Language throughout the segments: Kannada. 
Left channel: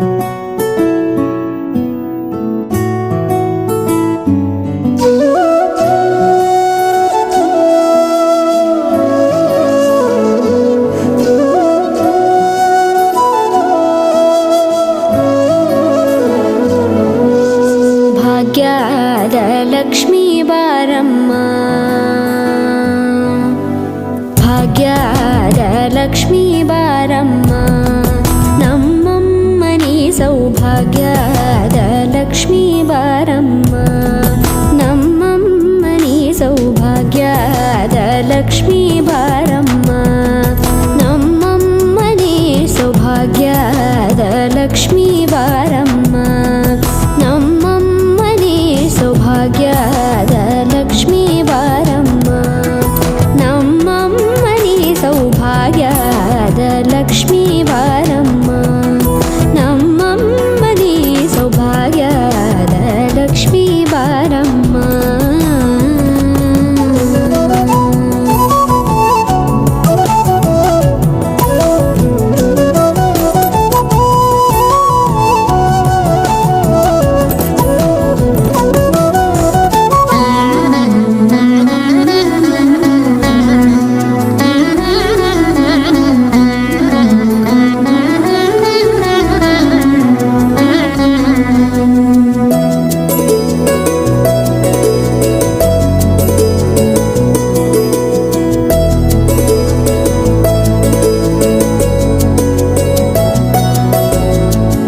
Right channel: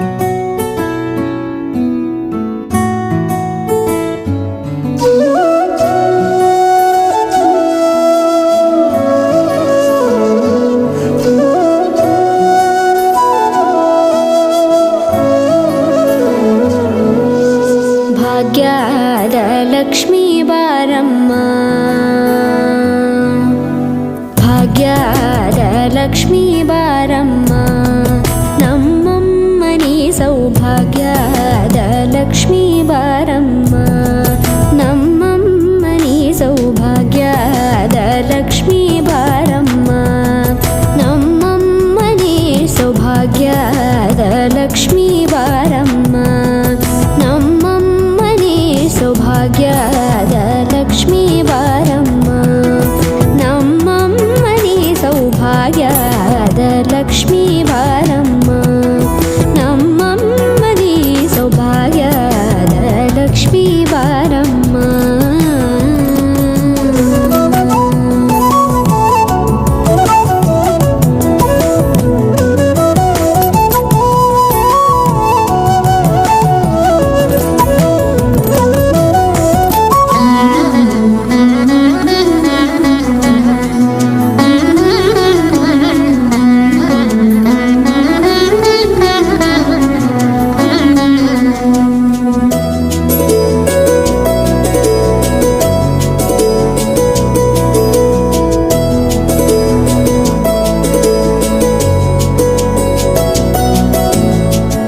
ಭಾಗ್ಯದ ಲಕ್ಷ್ಮೀ ಬಾರಮ್ಮ, ಭಾಗ್ಯದ ಲಕ್ಷ್ಮೀ ಬಾರಮ್ಮ, ನಮ್ಮಮ್ಮನಿ ಸೌಭಾಗ್ಯದ ಲಕ್ಷ್ಮೀ ಬಾರಮ್ಮ, ನಮ್ಮಮ್ಮನಿ ಸೌಭಾಗ್ಯದ ಲಕ್ಷ್ಮೀ ಬಾರಮ್ಮ, ನಮ್ಮಮ್ಮನಿ ಸೌಭಾಗ್ಯದ ಲಕ್ಷ್ಮೀ ಬಾರಮ್ಮ, ನಮ್ಮಮ್ಮನಿ ಸೌಭಾಗ್ಯದ ಲಕ್ಷ್ಮೀ ಬಾರಮ್ಮ, ನಮ್ಮಮ್ಮನಿ ಸೌಭಾಗ್ಯದ ಲಕ್ಷ್ಮೀ ಬಾರಮ್ಮ, ನಮ್ಮಮ್ಮನಿ ಸೌಭಾಗ್ಯದ ಲಕ್ಷ್ಮೀ ಬಾರಮ್ಮ.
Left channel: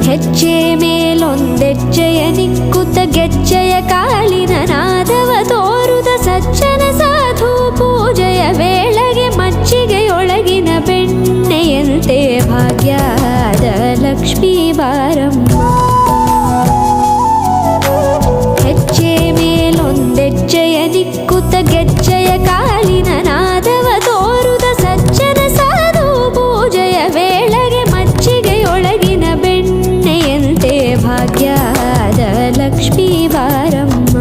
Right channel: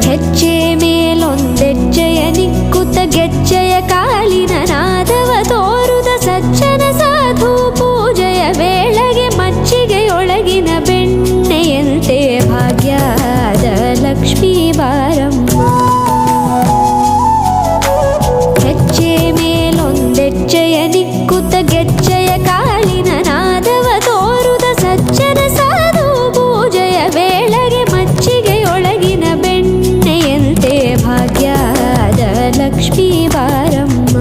ಹೆಜ್ಜೆ ಮೇಲೊಂದೆಜ್ಜೆಯ ನಿಕ್ಕುತ್ತ ಗೆಜ್ಜೆಯ ಕಾಲಿನ ನಾದವ ತೋರುದ ಸಜ್ಜನ ಸಾಧು ಪೂಜೆಯ ವೇಳೆಗೆ ಮಜ್ಜಿಗೆಯೊಳಗಿನ ಬೆಣ್ಣೆಯಂತೆ ಭಾಗ್ಯದ ಲಕ್ಷ್ಮೀ ಬಾರಮ್ಮ, ಹೆಜ್ಜೆ ಮೇಲೊಂದೆಜ್ಜೆಯ ನಿಕ್ಕುತ್ತ ಗೆಜ್ಜೆಯ ಕಾಲಿನ ನಾದವ ತೋರುದ ಸಜ್ಜನ ಸಾಧು ಪೂಜೆಯ ವೇಳೆಗೆ ಮಜ್ಜಿಗೆಯೊಳಗಿನ ಬೆಣ್ಣೆಯಂತೆ ಭಾಗ್ಯದ ಲಕ್ಷ್ಮೀ ಬಾರಮ್ಮ.